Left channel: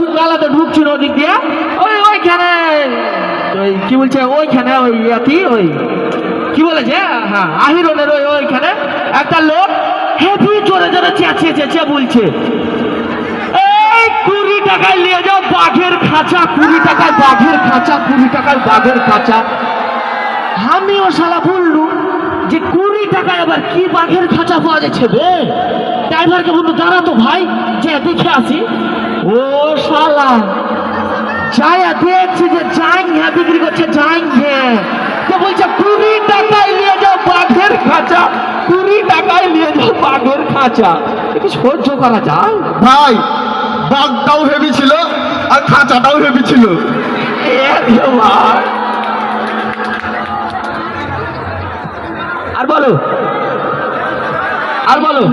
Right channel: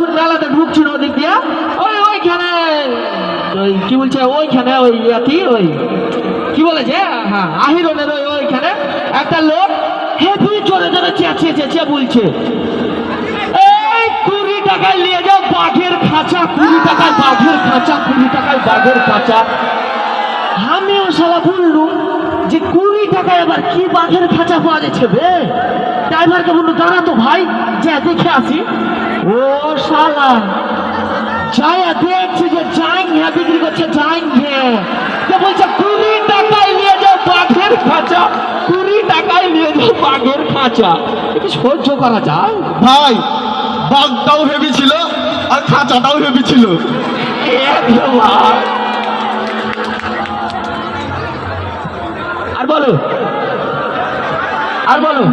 মেলাতে ঢুকছিল ওদিক দিয়ে ওইখানে কি বলছে ওইখানে ওই কি বলেছে হ্যাঁ আহিরনের ওইখানে একটা লোক হেভি জোরে জোরে চেঁচিয়ে চেঁচিয়ে বলছে এই 20 টাকায় নিয়ে যাও বাঘের খাঁচা 20 টাকায় বাঘের খাঁচা 20 টাকায় বাঘের খাঁচা। আমিও শালা বললুম যে 20 টাকায় এবার কি বাঘের খাঁচা পাওয়া যাচ্ছে বে। ড্রাইভারকে বললো দাঁড়াতো ভাই যে দেখে আসি। ও শালা যায় দেখছে যে যাইঙ্গে বিক্রি করছে যাইঙ্গে তো বলছে 20 টাকায় নিয়ে যাও বাঘের খাঁচা 20 টাকায় নিয়ে যাও বাঘের খাঁচা। এটা সহ্য করা যায় ভাই? বাঘটাও হেভি ছিল আর খাঁচাটাও হেভি ছিল। আর বলো আর বলো